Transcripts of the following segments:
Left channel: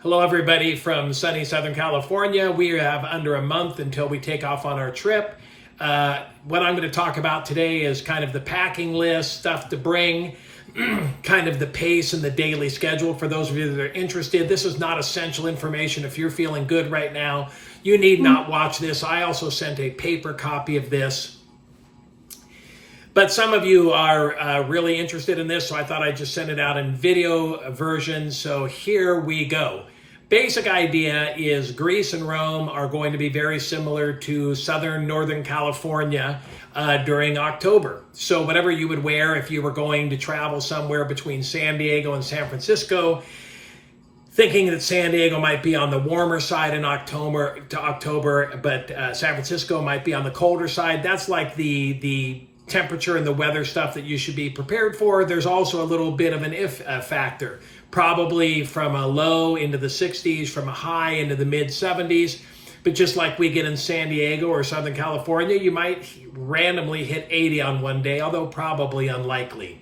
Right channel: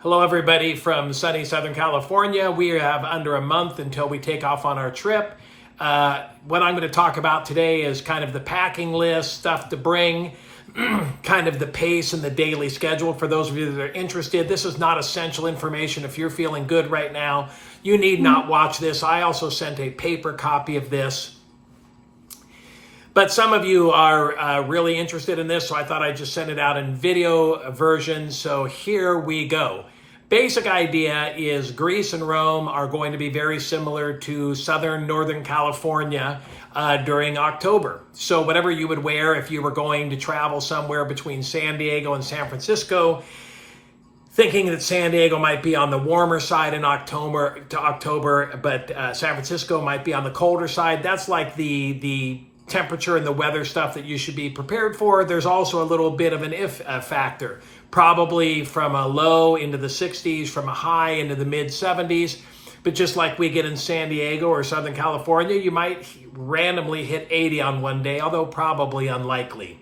Hello, everybody from sunny Southern California. We have under a month until we take off on our trip. What I'm going to talk about today is kind of the packing list, stuff to bring, kind of the pace and the daily schedule for those of you that are interested. This is not essential information. If you're feeling good right now, you need not watch this. I also sent a paper copy of this. But some of you are really interested in this, so I thought I'd just send it out in video version. So here we go. Basic idea is Greece and Rome are going to be very similar to Northern California during October. So whatever you would wear if you were going to travel somewhere between San Diego and San Francisco, thinking that San Diego might be on the warmer side in October, but San Francisco might be on the colder side. That's like the temperature and the weather stuff that you should be prepared for. There's also a little bit of an if factor, probably from a low into the 60s, from a high into the mid 70s. But just like we get in San Diego or Southern California, you might randomly hit 80 on one day, although probably unlikely.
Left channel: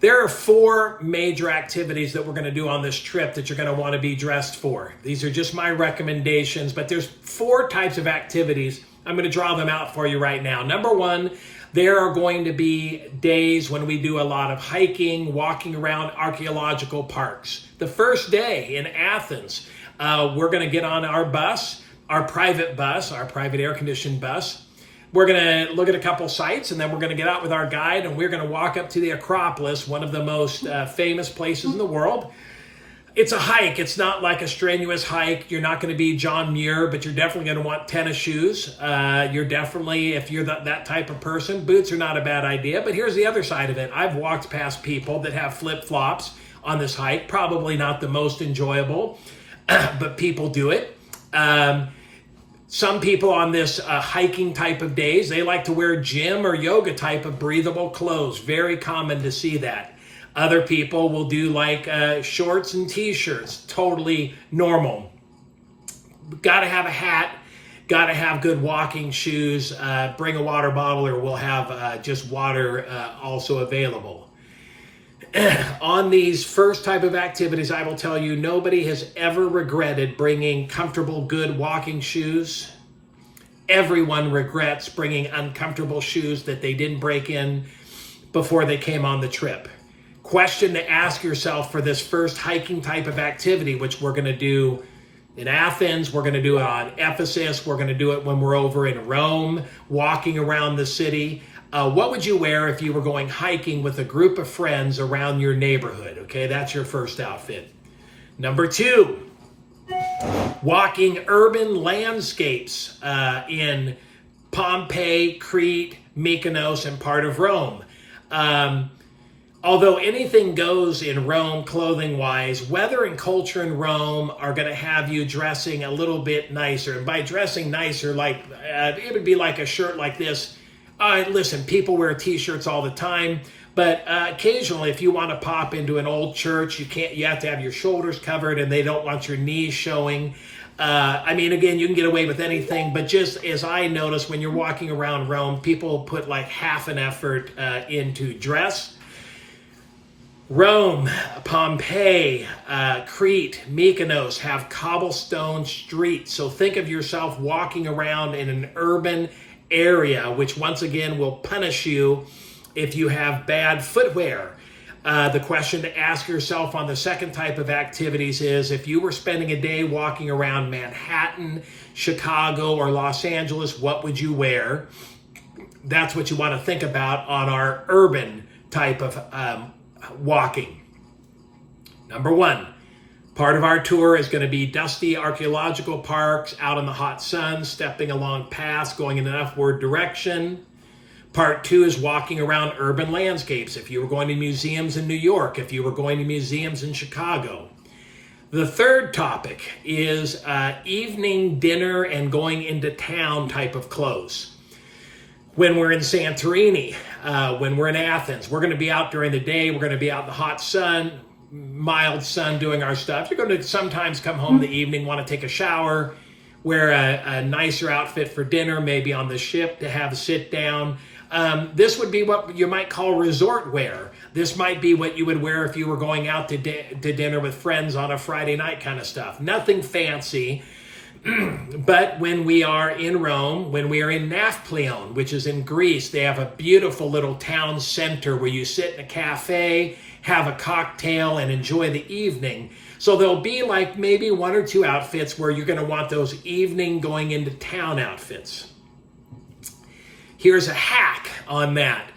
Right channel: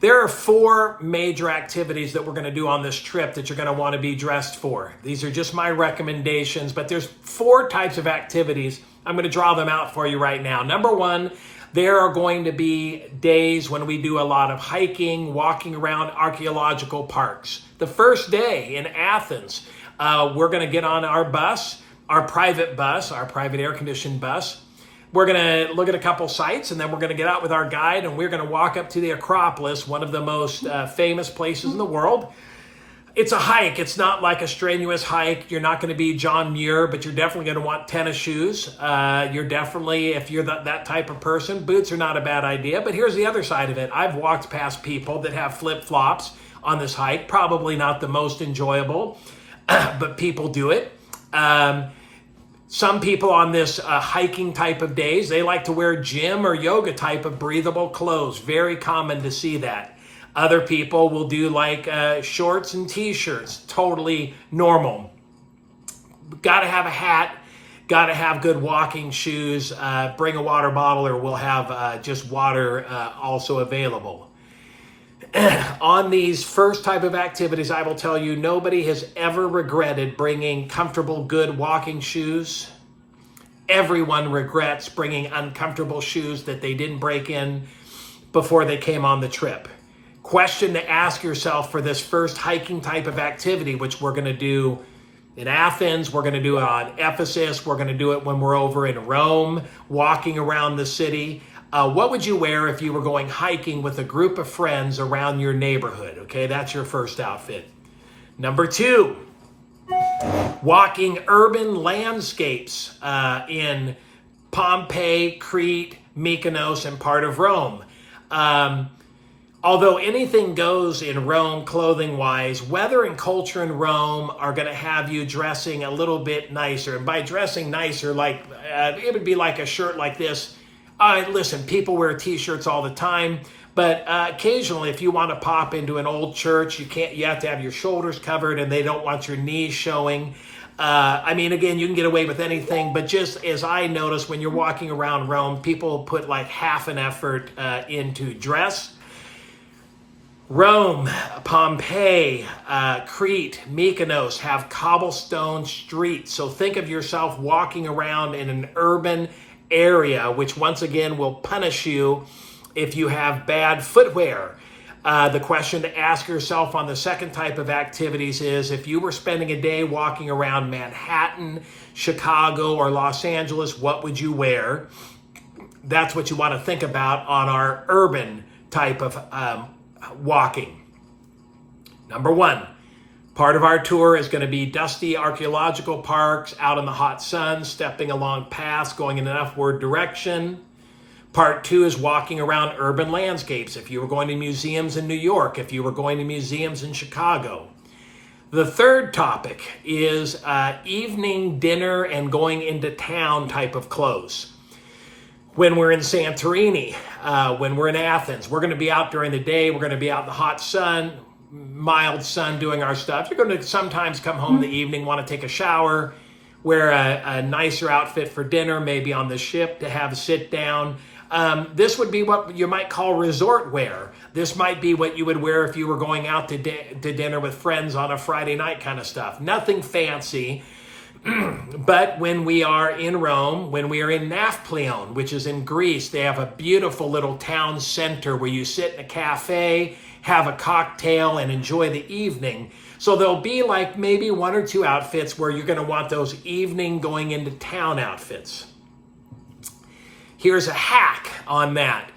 There are 4 major activities that we're going to do on this trip that you're going to want to be dressed for. These are just my recommendations, but there's 4 types of activities. I'm going to draw them out for you right now. Number 1, there are going to be days when we do a lot of hiking, walking around archaeological parks. The first day in Athens, we're going to get on our bus, our private air-conditioned bus. We're going to look at a couple sites, and then we're going to get out with our guide, and we're going to walk up to the Acropolis, one of the most famous places in the world. It's a hike. It's not like a strenuous hike. You're not going to be John Muir, but you're definitely going to want tennis shoes. You're definitely, if you're that type of person, boots are not a bad idea. But here's the other side of it. I've walked past people that have flip-flops on this hike. Probably not the most enjoyable, but people do it. Some people on this hiking type of days, they like to wear gym or yoga type of breathable clothes. Very common to see that. Other people will do like shorts and t-shirts, totally normal. Got to have a hat, got to have good walking shoes, bring a water bottle, or we'll have just water also available. On these first type of activities, I will tell you, nobody has ever regretted bringing comfortable, good walking shoes. Everyone regrets bringing uncomfortable shoes that they didn't break in before they came on the trip. Question to ask yourself for this first hiking type of activity, which we're going to do in Athens, we're going to do it on Ephesus, we're going to do it when we're over in Rome, walking around the city. What would you wear if you were going hiking with a group of friends around your neighborhood? Okay, that's your first outfit. Number 2, walking urban landscapes in Pompeii, Crete, Mykonos, and part of Rome. Although anything goes in Rome clothing-wise, weather and culture in Rome are going to have you dressing a little bit nicer. And by dressing nicer, like it would be like a shirt like this. Listen, people wear t-shirts all the time, but occasionally if you want to pop into an old church, you have to have your shoulders covered and they don't want your knees showing. Again, you can get away with anything, but just as I notice when you're walking around Rome, people put like half an effort into dress. Rome, Pompeii, Crete, Mykonos have cobblestone streets. So think of yourself walking around in an urban area, which once again will punish you if you have bad footwear. The question to ask yourself on the second type of activities is, if you were spending a day walking around Manhattan, Chicago, or Los Angeles, what would you wear? That's what you want to think about on our urban type of walking. Number 1, part of our tour is going to be dusty archaeological parks, out in the hot sun, stepping along paths, going in an upward direction. Part 2 is walking around urban landscapes. If you were going to museums in New York, if you were going to museums in Chicago. The third topic is evening dinner and going into town type of clothes. When we're in Santorini, when we're in Athens, we're going to be out during the day. We're going to be out in the hot sun, mild sun, doing our stuff. You're going to sometimes come home in the evening, want to take a shower, wear a nicer outfit for dinner, maybe on the ship to have a sit down. This would be what you might call resort wear. This might be what you would wear if you were going out to dinner with friends on a Friday night kind of stuff. Nothing fancy. But when we are in Rome, when we are in Nafplion, which is in Greece, they have a beautiful little town center where you sit in a cafe, have a cocktail, and enjoy the evening. So there'll be like maybe one or two outfits where you're going to want those evening going into town outfits. Here's a hack on that.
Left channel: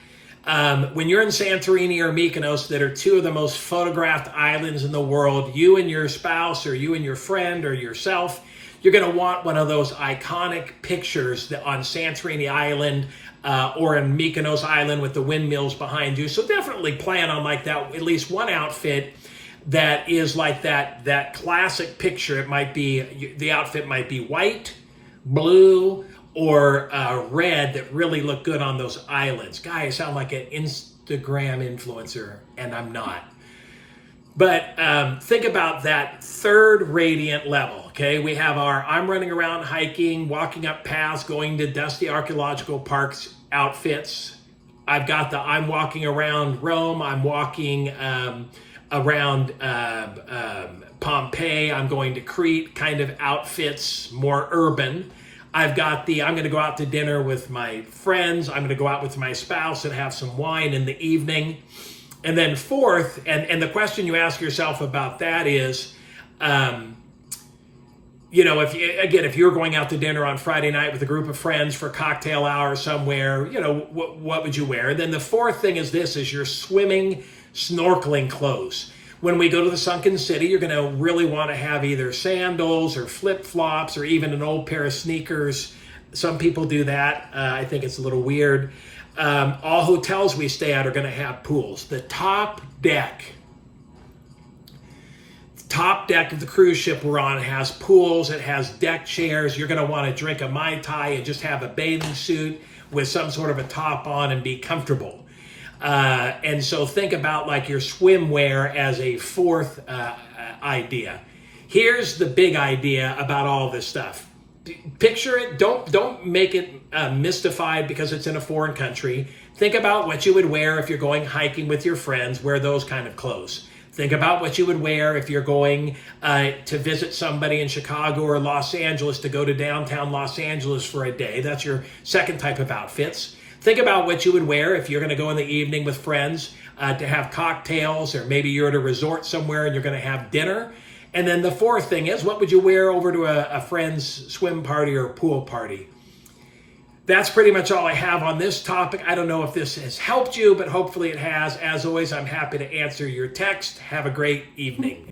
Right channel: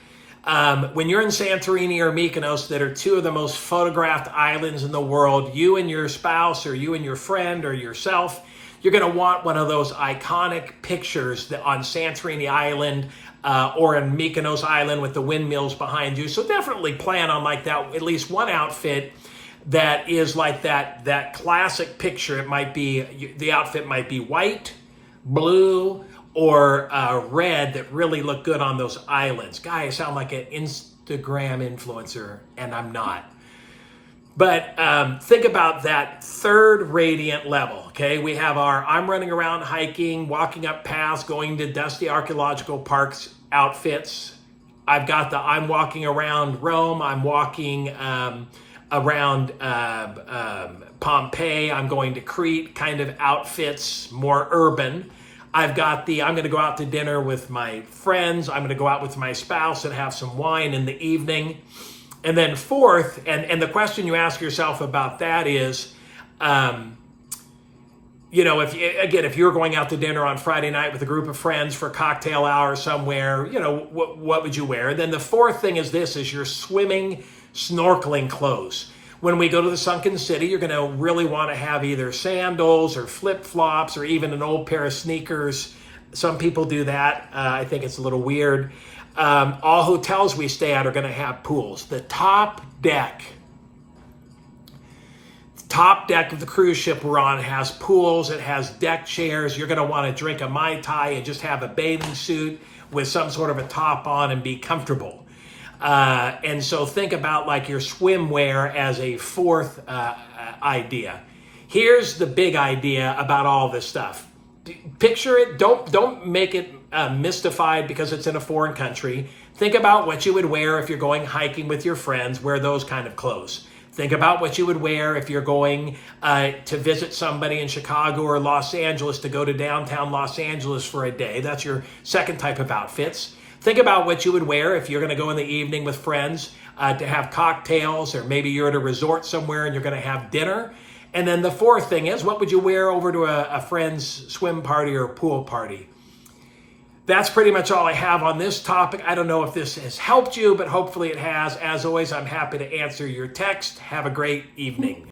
When you're in Santorini or Mykonos, that are two of the most photographed islands in the world, you and your spouse or you and your friend or yourself, you're going to want one of those iconic pictures on Santorini Island or in Mykonos Island with the windmills behind you. So definitely plan on like that, at least one outfit that is like that classic picture. It might be, the outfit might be white, blue, or red that really look good on those islands. Guy, I sound like an Instagram influencer, and I'm not. But think about that third radiant level, okay? We have our I'm running around hiking, walking up paths, going to dusty archaeological parks outfits. I've got the I'm walking around Rome, I'm walking around Pompeii, I'm going to Crete kind of outfits, more urban. I've got the I'm going to go out to dinner with my friends, I'm going to go out with my spouse and have some wine in the evening. And then fourth, and the question you ask yourself about that is, if you're going out to dinner on Friday night with a group of friends for cocktail hour somewhere, what would you wear? And then the fourth thing is your swimming, snorkeling clothes. When we go to the Sunken City, you're going to really want to have either sandals or flip-flops or even an old pair of sneakers. Some people do that. I think it's a little weird. All hotels we stay at are going to have pools. The top deck of the cruise ship we're on has pools. It has deck chairs. You're going to want to drink a Mai Tai and just have a bathing suit with some sort of a top on and be comfortable. And so think about like your swimwear as a fourth idea. Here's the big idea about all this stuff. Picture it. Don't make it mystified because it's in a foreign country. Think about what you would wear if you're going hiking with your friends. Wear those kind of clothes. Think about what you would wear if you're going to visit somebody in Chicago or Los Angeles, to go to downtown Los Angeles for a day. That's your second type of outfits. Think about what you would wear if you're going to go in the evening with friends to have cocktails, or maybe you're at a resort somewhere and you're going to have dinner. And then the fourth thing is, what would you wear over to a friend's swim party or pool party? That's pretty much all I have on this topic. I don't know if this has helped you, but hopefully it has. As always, I'm happy to answer your text. Have a great evening.